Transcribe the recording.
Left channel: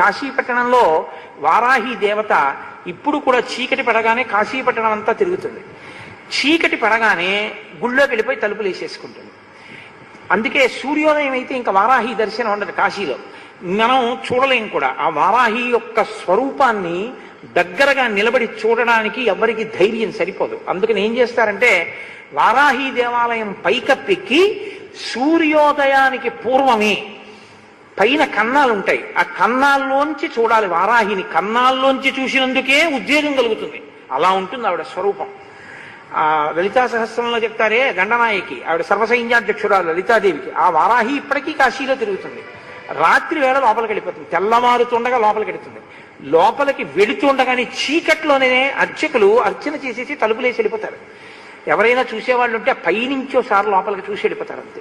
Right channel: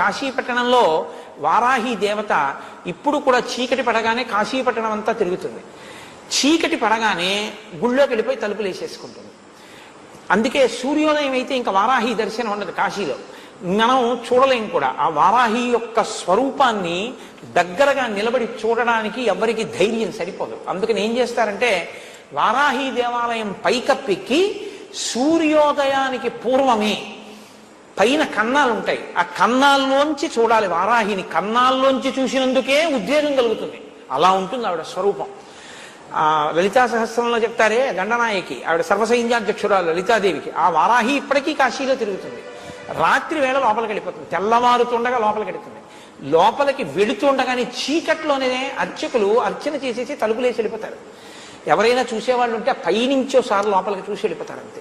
కాశీపట్టణంలో వారాహి దేవత ఇప్పుడు కూడా చీకటి పడగానే కాశీపట్టణం అంతా తిరుగుతుంది. చీకటి పడగానే గుళ్ళోకి వెళ్ళిపోయి తలుపులు వేసేసుకుంటుంది. అందుకే సూర్యోదయం అయితే ఇంకా వారాహి దర్శనం ఉండదు కాశీలో, మనం చూడలేం కూడా. ఆ వారాహి యొక్క స్వరూపాన్ని దగ్గరగా నిలబడి చూడడానికి ఎవరికి ధైర్యం సరిపోదు. అందుకని ఏం చేస్తారంటే వారాహి దేవాలయం పైకప్పెక్కి సూర్యోదయానికి పూర్వమే పైన కన్నాలు ఉంటాయి, ఆ కన్నాల్లోంచి చూడాలి వారాహిని. కన్నాల్లోంచి చూసినందుకే ఉద్వేగం కలుగుతుంది. అలా ఉంటుంది ఆవిడ స్వరూపం. లలితా సహస్రంలో చెప్తారే గండనాయకి, ఆవిడ సర్వసైన్యాధ్యక్షురాలు లలితాదేవికి. ఆ వారాహి ఇప్పటికీ కాశీలో తిరుగుతుంది. రాత్రి వేళ లోపలికి వెళ్ళిపోతుంది, తెల్లవారుతుండగా లోపలికి వెళుతుంది. లోపలికి వెళుతుండగానే చీకట్లోనే అర్చకులు అర్చన చేసేసి తలుపులేసి వెళ్ళిపోతారు. ఎవరైనా చూసేవాళ్ళు ఉంటే పైనుంచోసారి లోపలికి చూసి వెళ్ళిపోతారు అంతే.